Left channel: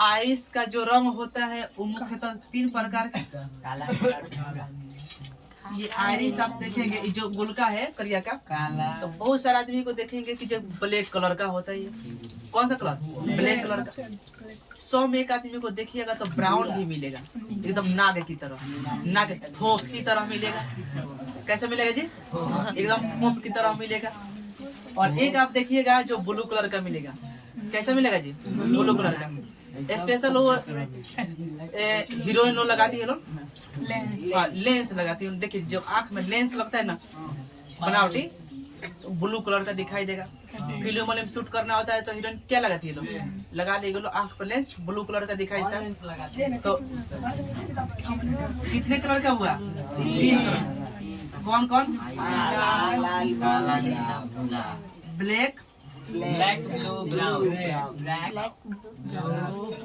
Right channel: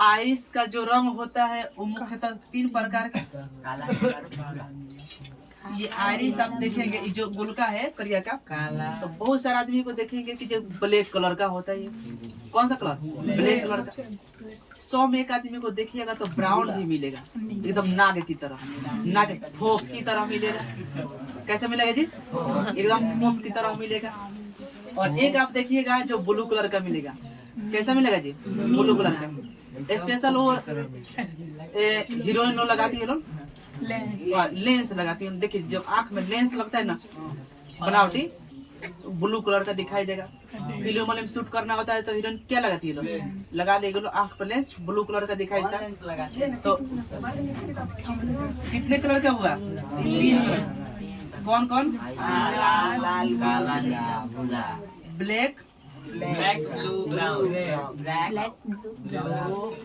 Ice का जो रंग होता है वो मुख्यतः 3 प्रकार का। ये आइरिस आप देखेंगे जो गुलका है करिया का काला, तो बहुत सारे आदमी को देखेंगे कि जो ब्लैक कलर का होता है। ये कौन सा कलर? ब्लैक कलर का। 100 में एक आदमी को देखिएगा तो ब्राउन भी मिलेगा, एकदम नाग की तरह, नाग फोक की तरह मिलेगा। कैसे मिलेगा जी? एकदम फोक की तरह मिलेगा। और एक आप देखिएगा जो ब्लू कलर का मिलेगा। कैसा मिलेगा जी? ब्लू कलर का। स्पेशल वो हीरोइन लगाती है लोग, लेंस लगाती है। देखिए जब आंख में लेंस लगता है ना बनावटी, तो ब्लू कलर का दिखाई देगा। फिल्म में शूट करना होता है तो हीरोइन क्या लगाती है लोग? लगा लेगी लोग आंख पर लेंस, ब्लू कलर का दिखाई देता है। तो कितने कलर का हुआ? 3 कलर। कौन कौन? Black, black blue brown, black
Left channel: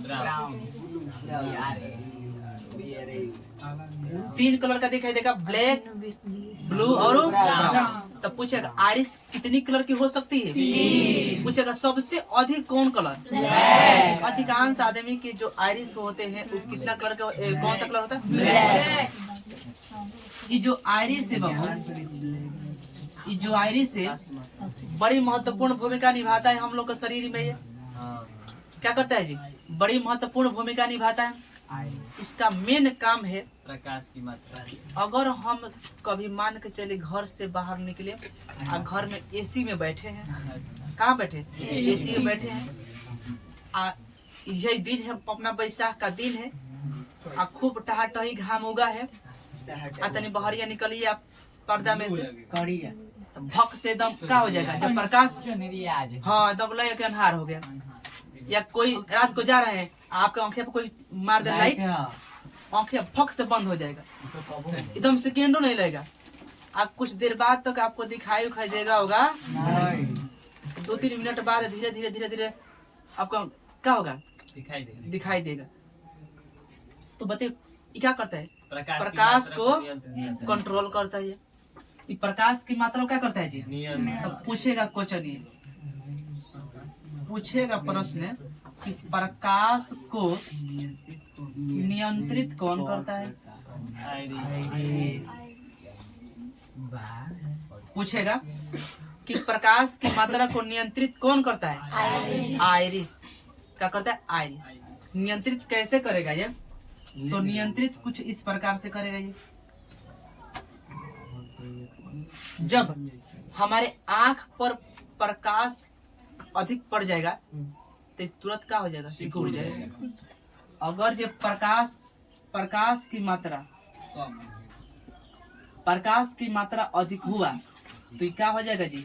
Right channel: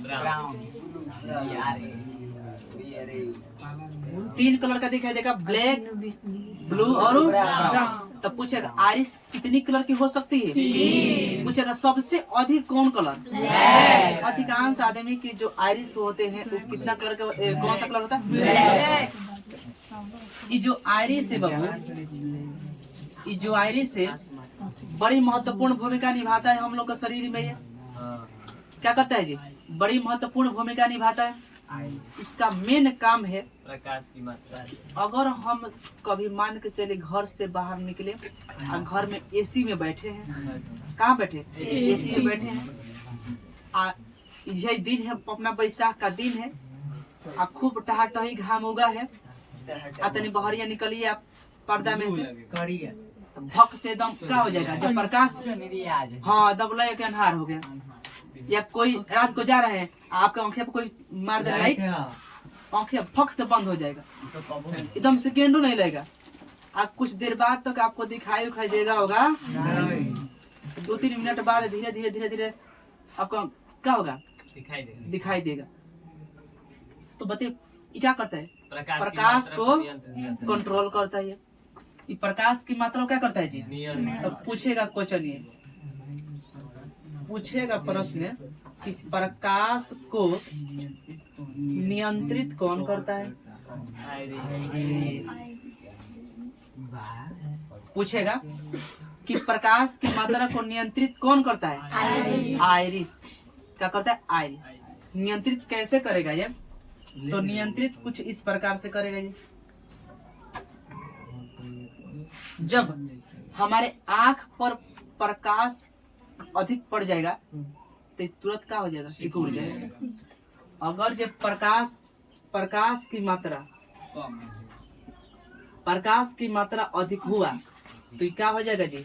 brown. 3 colour का दिखाई देगा, ब्लैक, ब्लू और ब्राउन। तब पूछेगा आइरिस कितनी कलर की हो सकती है? पूछेगा सबसे अधिक कौन कलर? अधिकांश आदमी के जो आइरिस होते हैं वो कितना कलर का, कौन सा कलर होता है? ब्लैक। ये जो आइरिस है बाबू, ये जो आइरिस है बड़ी महत्वपूर्ण भूमिका निभाता है हम लोग के शरीर में। ये क्या करता है जी? बड़ी महत्वपूर्ण भूमिका निभाता है। इसका मेन काम है प्रकाश की मात्रा। अगर हम कभी मान के चले घर से बाहर निकले और घर में एसी में बैठे हैं, कहाँ बैठे? एसी में बैठे हैं। यही दिन है अपना बैसाख का दिन है, खूब टहाटही घाम उगा है। तनी बहरिया निकलिए आप पर्दा में से, भक से एकदम क्या हो जाएगा जब प्रकाश, हाँ एकदम लगे के अन्हार हो गया। या कोई रात को जा रहे हैं, आपका आंखें पे कोई मार दे लाइट, आंखें फक से बंद हो जाएगा, एकदम सेकेंडो नहीं लगेगा। आप कुछ देर बाद तक आपको दिखाई देगा होगा, 2-3 मिनट बाद धीरे धीरे धीरे धीरे आपको क्या होगा? दिखाई देगा। तो बताइए ये क्या करता है? प्रकाश को कंट्रोल करता है। ये प्रकाश की मात्रा क्या करता है जी? अब पूछेगा क्वेश्चन, ये पूछेगा प्रश्न कि प्रकाश को नियंत्रित कौन करता है? पूछेगा कि प्रकाश की मात्रा को नियंत्रित कौन करता है? आइरिस। क्या करता है? आइरिस। नियंत्रित कैसे करेगा ये? तो नियंत्रित कुछ इस प्रकार से करेगा ये। जब हमारे आंख पर प्रकाश अधिक पड़ जाएगा तो तुरंत क्या हो जाएगा? सिकुड़ जाएगा। अगर जब प्रकाश की मात्रा अधिक हुआ तो क्या हो जाएगा जी?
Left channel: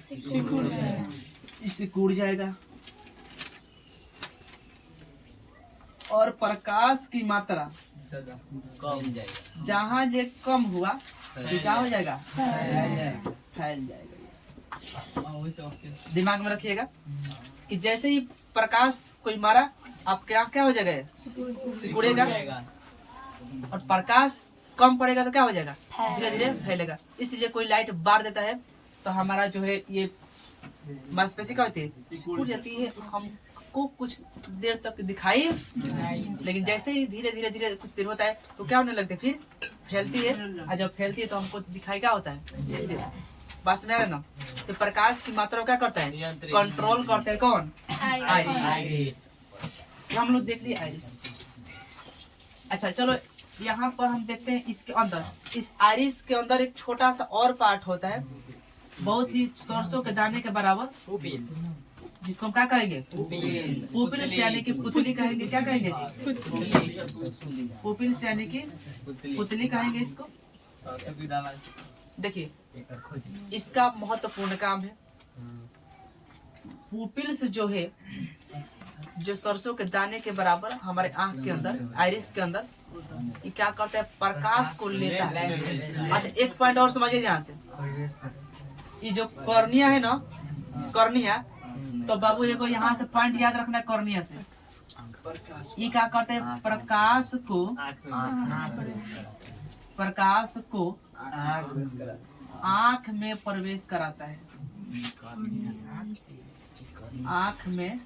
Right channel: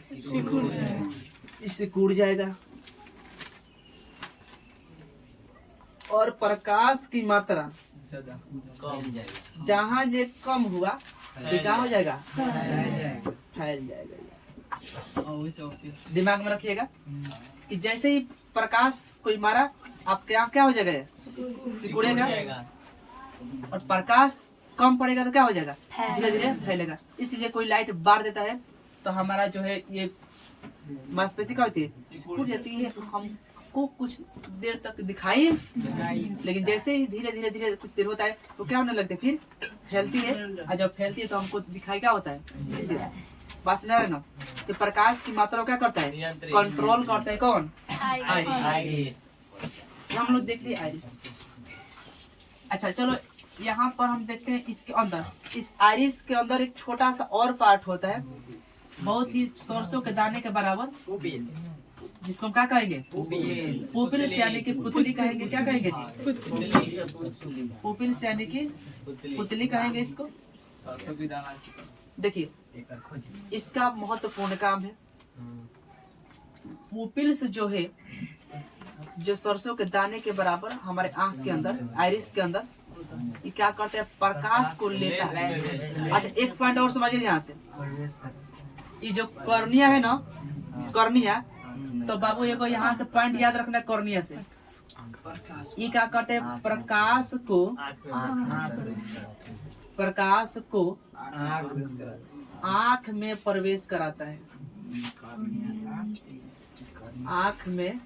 सिकुड़ जाएगा। और प्रकाश की मात्रा जहाँ जे कम हुआ तो क्या हो जाएगा? फैल जाएगा। दिमाग में रखिएगा कि जैसे ही प्रकाश कोई मारा आपके आँख क्या हो जाएगा? सिकुड़ेगा। और प्रकाश कम पड़ेगा तो क्या हो जाएगा? धीरे धीरे फैलेगा। इसलिए कोई लाइट बार देता है तो हमारा जो है ये मांसपेशी क्या होती है? सिकुड़ जाती है। हमको कुछ देर तक दिखाई, लेकिन जैसे ही धीरे धीरे धीरे कुछ देर होता है तो क्या होने लगता है? फिर फैलती है। और जब फैलती है तो हमको दिखाई क्या होता है? बस नहीं ना। तो प्रकाश की मात्रा क्या करता है? कंट्रोल करता है कौन? आइरिस। हम लोग देख लिए आइरिस। अच्छा चलो यहाँ पर हम देखते हैं इसके अंदर, इस आइरिस के अंदर एक छोटा सा और पार्ट होता है, बहुत ही सरसों के दाने के बराबर, जिसको हम क्या कहेंगे? पुपिल से यानी कि पुतली कहेंगे। क्या कहेंगे जी? पुपिल से यानी कि पुतली कहेंगे इसको। देखिए इसका महत्वपूर्ण काम है। पुपिल्स जो है, जो सरसों के दाने के बराबर हमारे आंख के अंदर, आइरिस के अंदर, ये क्या करता है? प्रकाश को लेता है। अच्छा एक पॉइंट और समझिए यहाँ से, ये जो कॉर्निया है ना, कॉर्निया, तो बाबू ये को यहाँ से पॉइंट याद रखना है। कॉर्निया से ये क्या करते हैं? प्रकाश को आँख में प्रवेश कराता है। आँख में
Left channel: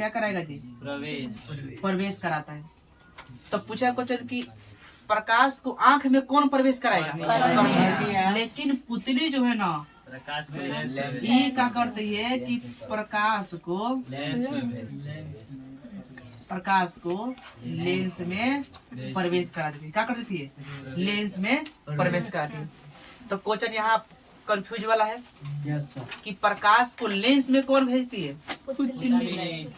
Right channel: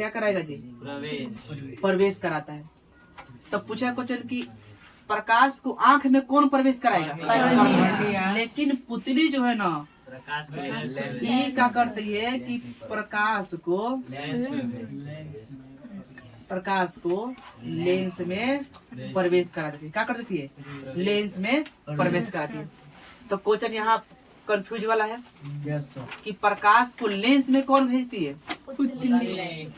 क्या कराएगा जी? प्रवेश प्रवेश कराता है। तब पूछा क्वेश्चन कि प्रकाश को आंख में कौन प्रवेश कराएगा? कर्निया। लेकिन पुतली जो है ना, प्रकाश को लेंस में ये क्या करती है कि प्रकाश को लेंस में प्रवेश करा देती है। क्या कर देती है? लेंस में प्रवेश कराती है। तो क्वेश्चन यहाँ कंफ्यूज वाला है कि प्रकाश को लेंस में कौन भेजती है?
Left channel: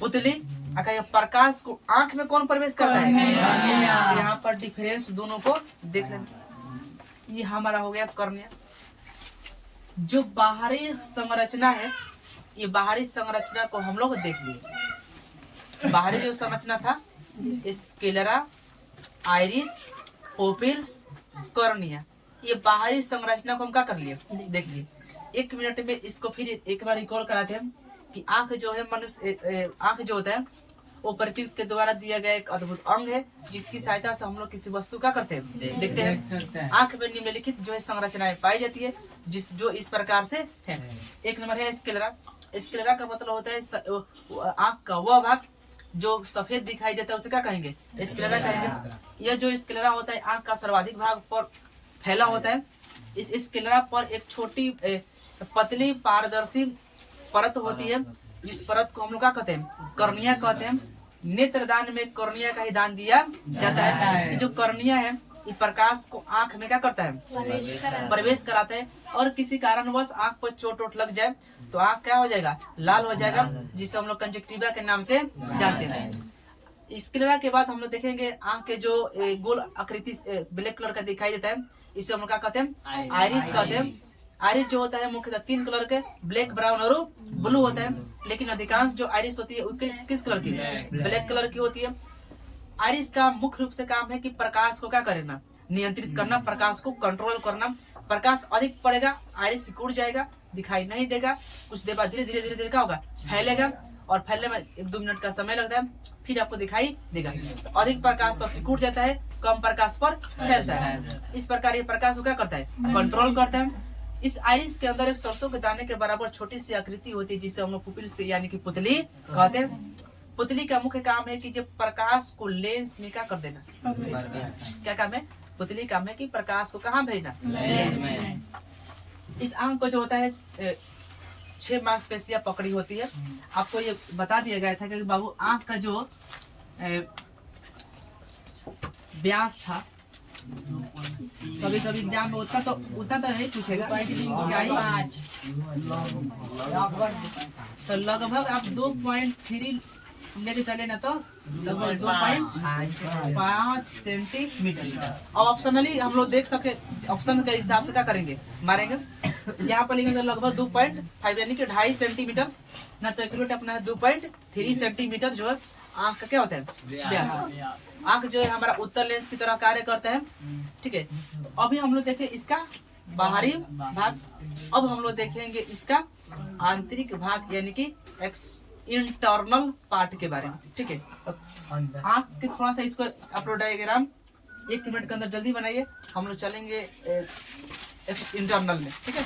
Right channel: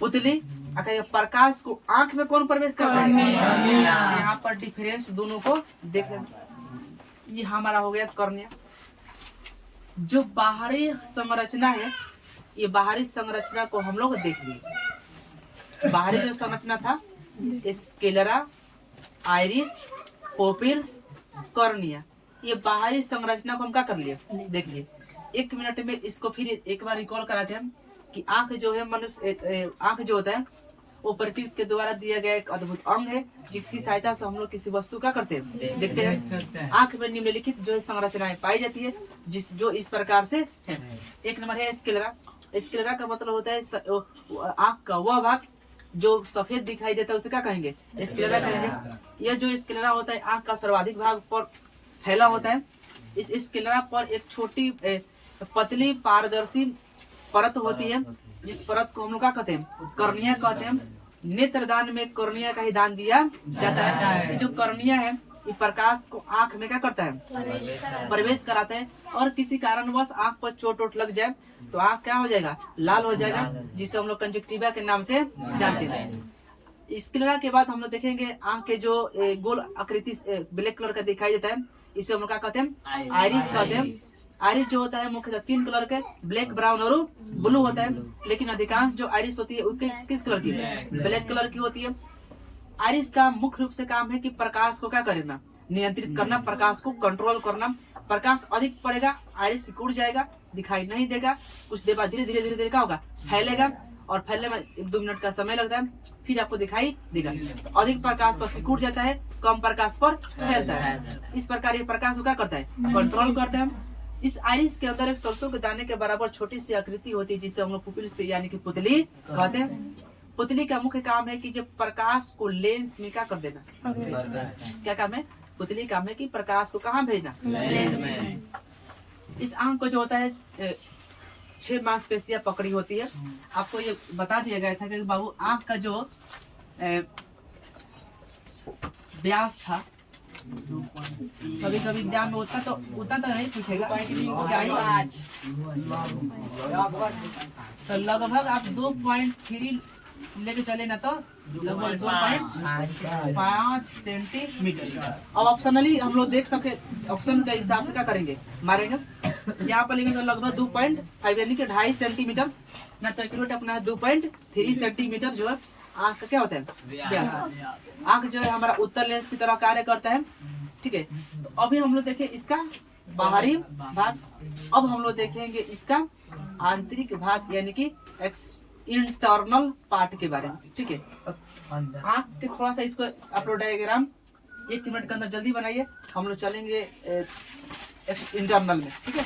पुतली। अगर ये प्रकाश को आंख में कौन प्रवेश करता है? यहाँ पर डिफरेंस दोनों को देख लेना। ये हमारा हो गया कर्निया। जो बाहरी संरचना है, ये बाहरी संरचना को हम लोग देख लिए। बाहरी जो संरचना था, स्क्लेरा, आइरिस, पोपिल्स, कर्निया, ये बाहरी संरचना को हम क्या कर लिए? देख लिए। 1 मिनट में इसको फिर एक बार रिकॉल कराते हैं कि आंख जो है मनुष्य, आंख जो होता है वो प्रकृति के द्वारा दिया गया एक अद्भुत अंग है, जिसकी सहायता से हम लोग किसी वस्तु का करते हैं? देखते हैं। आंख में निम्नलिखित जो है संरचनाएं पाई जाती है, जो इस प्रकार से है। 1 नंबर है स्क्लेरा। स्क्लेरा का मतलब होता है आंख का वह भाग जो सफेद दिखाई देता है, उसे क्या कहेंगे? स्क्लेरा कहेंगे। यह जो स्क्लेरा होता है आंख का सर्वाधिक भाग पर फैला होता है। इस स्क्लेरा पर एक छोटी पतली पारदर्शी परत होती है, जिस परत को हम लोग क्या कहते हैं? कर्निया कहते हैं। नेत्रदान में कर्निया का ही दान दिया जाता है। ये जो कर्निया है, ये प्रकाश को आंख में क्या करता है? प्रवेश कराता है। और किसी कारणवश आंख पर चोट लग जाए तो आंख क्या हो जाएगा? लाल हो जाएगा, जिसे हम लोग कंजक्टिवा के नाम से जानते हैं। स्क्लेरा के बाद हम लोग देखेंगे आंख के जो गोल आकृति ब्लैक कलर का दिखाई देता है, इसे हम लोग क्या कहते हैं? आइरिस कहते हैं। आइरिस जो होता है मुख्यतः 3 कलर के, ब्लैक, ब्राउन और ब्लू होता है। लेकिन अधिकांश जो आइरिस होती है वो किस कलर की? ब्लैक कलर की होती है। आइरिस का मुख्य रूप से काम है कि प्रकाश को क्या करना? नियंत्रित करना, प्रकाश को कंट्रोल करना। प्रकाश अधिक पड़ेगा, आइरिस सिकुड़ जाएगा, दिखाई नहीं देगा। कुछ देर बाद धीरे धीरे क्या होगा? फैलेगा, और फैलने में 1-2 मिनट का समय लगता है, फिर आपको दिखाई देगा। तो अधिक प्रकाश पर सिकुड़ जाता है, कम प्रकाश पर फैलता है। इस प्रकार ये प्रकाश को क्या करता है? कंट्रोल करता है। इस आइरिस के अंदर एक सरसों के दाने के बराबर छोटी सी आकृति होती है, जिसे हम लोग पुपिल से यानी कि पुतली कहते हैं। पुतली का मुख्य काम है कि जब प्रकाश को लेंस में क्या कर देना? क्या काम है? पुतली काम है कि प्रकाश को कहाँ भेजना? लेंस में। इस आंख को जो होता है 6 मांसपेशियां पकड़ी होती है। आपको ये बता दिया गया था कि बाबू आंख का जो व्यास था, कभी एग्जाम में उतना तो नहीं पूछेगा, तो लगभग आप 2.3 लेके चले ना, तो लगभग 2.5 सेंटीमीटर। अब ऑप्शनली हम लोग देख सके, ऑप्शन के हिसाब से क्या करेंगे? मारेंगे। यहाँ पर लिखेंगे तो लगभग 2.5 यानी कि 2.5 सेंटीमीटर ना, तो एक्यूरेट अपना 2.3 सेंटीमीटर जो है आंख का क्या होता है? व्यास। आंख जो है हमारा उत्तर लेंस की तरह कार्य करता है। ठीक है, तो अभी हम लोग देखें इसका बाहरी भाग, अब हम लोग देखेंगे इसका आंतरिक भाग यानी कि इंटरनल पार्ट के बारे में। ठीक है, आंख के थोड़ा सा इसको आप लोग डायग्राम 1 मिनट के अंदर जल्दी बनाइए, हम लोग चलेंगे इंटरनल में। ठीक है,